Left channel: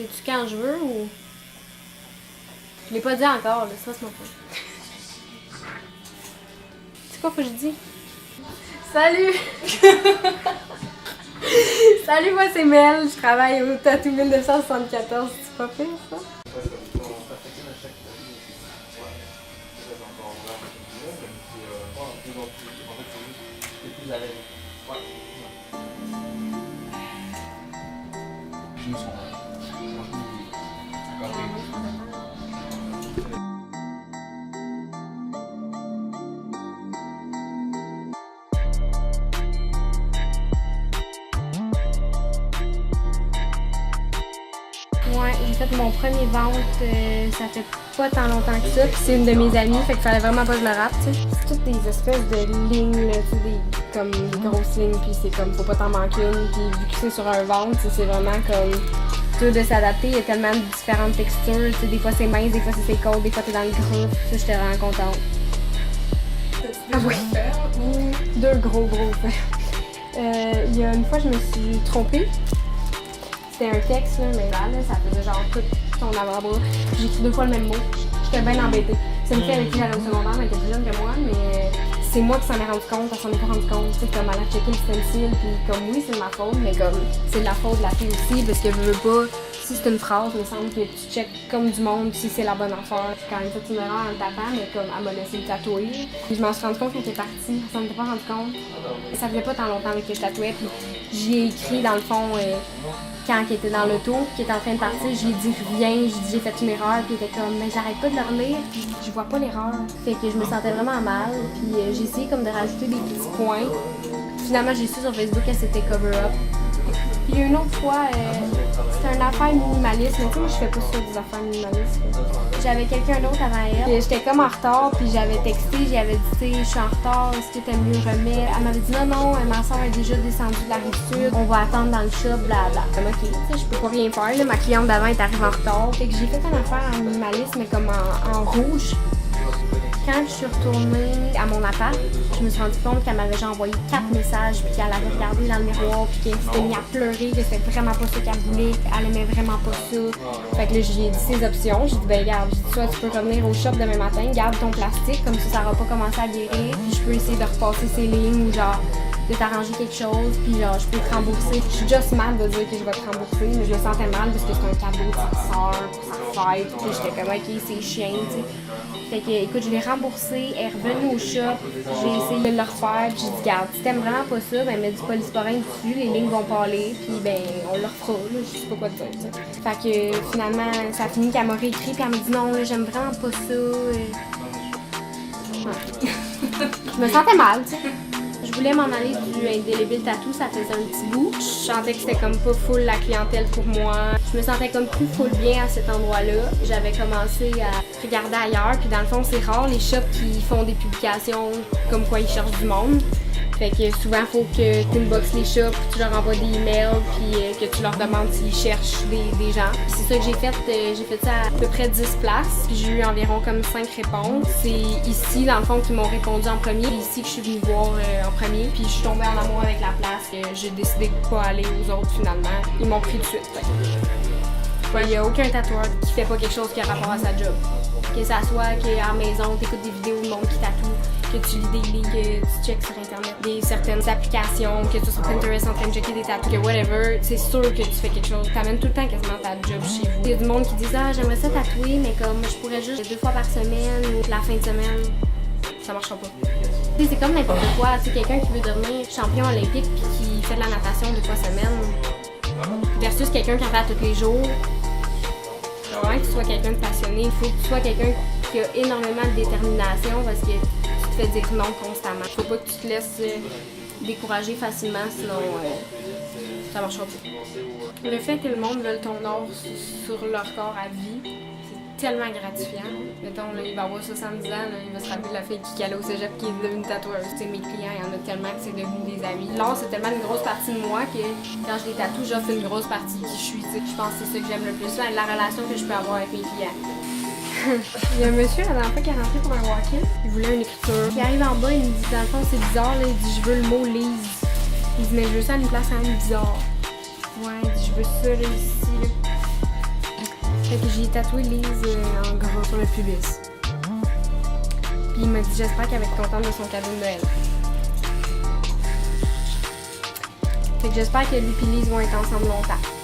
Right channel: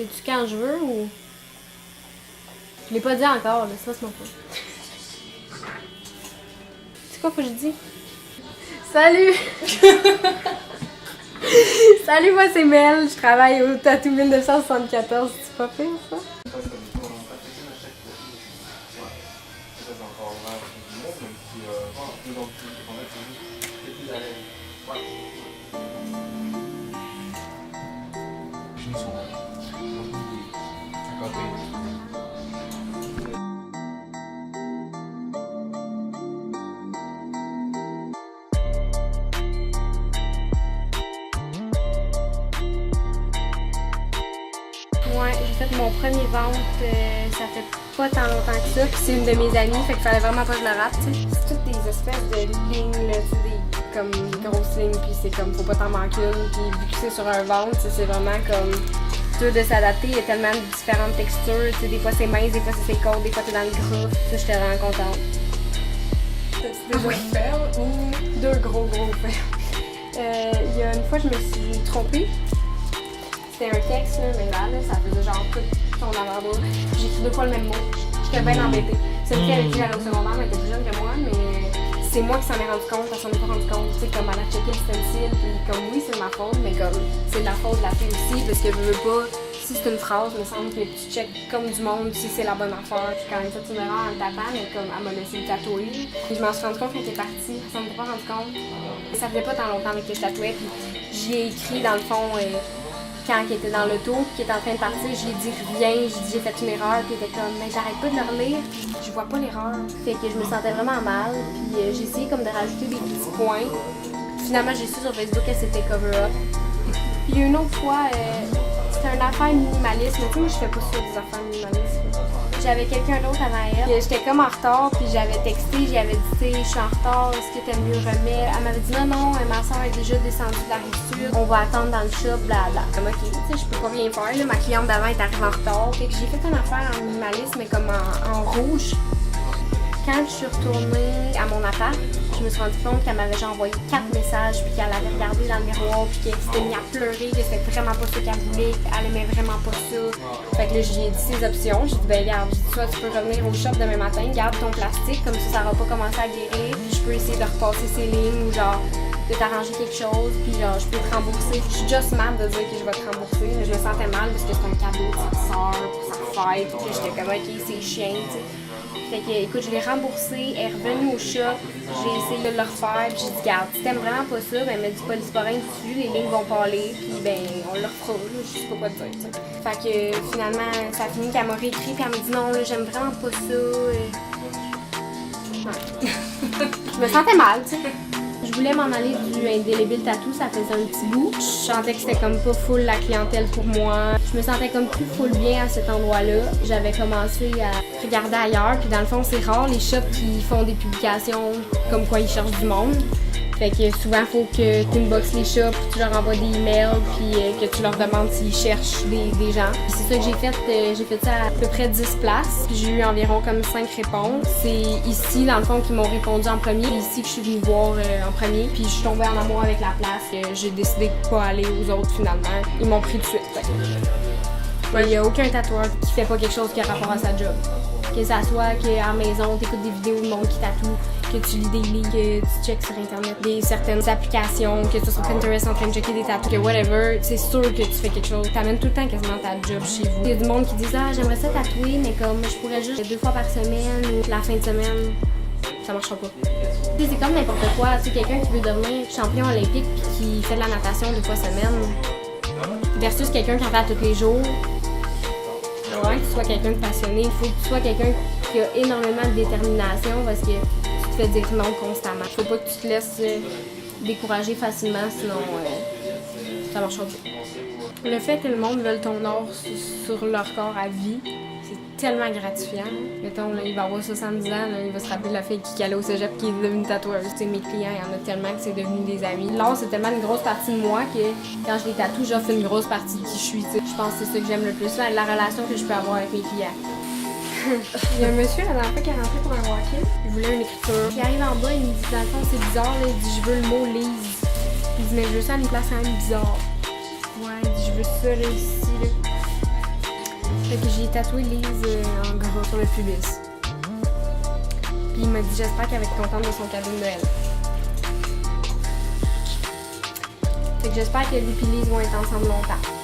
C'est-tu quand je veux ou... Je l'ai pas dit encore, là, ça c'est mon point. C'est quoi faut que je dise? Salut! Salut, moi c'est Mel, je travaille au Tattoo 1974, c'est pas pire ça? Ouais, j'ai fait mon premier vente, ça fait pas tant longtemps que ça, puis c'est une de mes amies, fait qu'il fallait vraiment pas que je le rate, tu sais. C'est toutes des espèces de lignes, là, tu sais, comme des grosses lignes, puis c'est comme, faut pas t'en manquer une, puis vu que c'est sur un ventre, c'est vraiment comme, dur de s'adapter, il y a tellement de différentes textures, tu sais, des fois c'est mince, des fois c'est côtes, des fois t'es dans le gros, ça, j'étais vraiment contente. T'as-tu déjà fait ou... Deux gros faits. Il y a une fois, je me suis trompée. C'était un texte, là, mais là, ça faisait genre tout son avant-bras. J'ai écrit 2 fois le même mot. J'étais bien embêtée. C'est une fille avec qui j'allais au secondaire, mais elle était plus jeune que moi, mais c'est moi qui s'en ai rendu compte, elle s'en est pas rendu compte. Tu sais, comme elle a checké le stencil, puis comme oui, c'est de ma faute, mais comme c'est de la faute de la fille aussi, parce que je veux pas. Si c'est une phrase, il me semble que tu checkes comme du monde si c'est la bonne affaire. Puis quand elle a fait une erreur en le tapant, mais comme elle m'a laissé le tatouer. Puis je m'en suis rendu compte qu'elle était partie, elle s'en était pas rendu compte. Ça faisait pas tant longtemps que je tatouais, puis j'y ai écrit dans le fond. Quand elle était dans l'auto, qui était en train de partir, j'ai dit rien, j'ai dit j'ai fait une erreur, puis elle était comme mais j'arrête pas de le relire, puis je vois pas l'erreur. Fait que je me sentais vraiment mal, puis j'ai essayé comme de rajouter des petits points. Finalement, j'ai su sur Facebook qu'elle s'était cover-up. Il y a une autre fois, c'était une affaire minimaliste, mais tu sais, moi je fais pas ça des affaires minimalistes. J'avais quelqu'un d'autre avant elle, j'étais comme en retard, puis j'avais texté, j'avais dit, tu sais, je suis en retard, est-ce que t'aimes mieux remettre? Elle m'avait dit, non, ma soeur est déjà descendue de la rive-sud, on va attendre dans le shop, blabla. Comme, ok, tu sais, je peux pas rien faire, là, ma cliente d'avant est arrivée en retard. Fait que j'ai fait une affaire en minimaliste, mais comme en rouge. Quand je suis retournée à mon appart, je me suis rendu compte qu'elle m'avait déjà envoyé 4 messages, puis qu'elle avait regardé dans le miroir, puis qu'elle s'était mise à pleurer, que c'était vraiment pas ça qu'elle voulait, qu'elle aimait vraiment pas ça. Fait que là, j'ai dit ses options. J'ai dit, ben regarde, soit tu peux revenir au shop demain matin, garde ton plastique, comme ça n'aura pas commencé à guérir, puis je peux essayer de repasser ses lignes ou genre de t'arranger quelque chose, puis genre je peux te rembourser. Je suis juste mal de dire que je vais te rembourser, mais je me sentais mal parce que c'est un cadeau de sa soeur pour sa fête, puis j'étais comme, ok, c'est chiant, tu sais. Fait que, écoute, je l'ai remboursé, elle est revenue au shop, j'ai essayé de le refaire, puis j'ai dit, garde, si t'aimes vraiment pas ça, ben mets du polysporin dessus, les lignes vont parler, puis ben on le refera, là, je sais pas quoi te dire, t'sais. Fait que finalement, ça a fini qu'elle m'a réécrit, puis elle m'a dit, non, là, j'aime vraiment pas ça. Ouais. Je me sentais mal, tu sais. Je voulais m'en aller du Indélébile Tattoo, ça faisait un petit bout. Je sentais que c'était comme pas full la clientèle pour moi. Je me sentais comme plus full bien à cet endroit-là. J'avais commencé à regarder ailleurs, puis dans le fond, c'est rare les shops qui font des publications comme quoi ils cherchent du monde. Fait que souvent, il faut que tu inboxes les shops, tu leur envoies des emails, puis que tu leur demandes s'ils cherchent des gens. Puis c'est ça que j'ai fait. J'ai fait ça à peu près 10 places, puis j'ai eu environ comme 5 réponses. C'est ici, dans le fond, qu'ils m'ont répondu en premier. C'est ici que je suis venue voir en premier, puis je suis tombée en amour avec la place. J'ai décidé de pas aller aux autres finalement. Ils m'ont pris tout de suite. Il n'y a aucun tatoueur qui fait pas quelque chose qui a rapport à sa job. Que ça soit qu'à la maison, tu écoutes des vidéos de monde qui tatoue, que tu lis des livres, que tu checkes sur Internet certaines applications, que tu sois sur Pinterest en train de checker des tatous, que whatever, c'est sûr que tu fais quelque chose. T'amènes tout le temps quasiment ta job chez vous. Il y a du monde qui dit « Ah, j'aimerais ça tatouer, mais comme je pourrais juste 2 fois par semaine ou la fin de semaine, ça marchera pas. » C'est comme n'importe quoi. Tu sais, quelqu'un qui veut devenir champion olympique puis qui fait de la natation 2 fois semaine versus quelqu'un qui en fait tous les jours. Il faut vraiment que tu sois quelqu'un de passionné, il faut que tu sois quelqu'un qui a énormément de détermination parce que tu te fais dire non constamment. Il faut pas que tu te laisses décourager facilement, sinon ça marchera pas. Le fait que le monde veuille ton or sur leur corps à vie, c'est tellement gratifiant. Mettons, là, il va avoir 70 ans, là, il va se rappeler de la fille qui allait au cégep qui est devenue tatoueuse. T'sais, mes clients, il y en a tellement que c'est devenu des amis. L'art, c'est tellement une grosse partie de moi que quand je les tatoue, j'offre une grosse partie de qui je suis. T'sais. Je pense que c'est ça que j'aime le plus, là, la relation que je peux avoir avec mes clients. Il y a un monsieur la dernière fois qui est rentré pour un walk-in, il voulait une écriture. Il arrive en bas, il me dit, dans le fond, c'est bizarre, là, il dit, je veux le mot Lise. Il dit, mais je veux ça à une place quand même bizarre. Ouais, il dit, je veux ça là, ici, là. Fait que j'ai tatoué Lise en gros sur le pubis. Puis il m'a dit j'espère qu'elle va être contente de son cadeau de Noël. Fait que j'espère que lui et Lise vont être ensemble longtemps.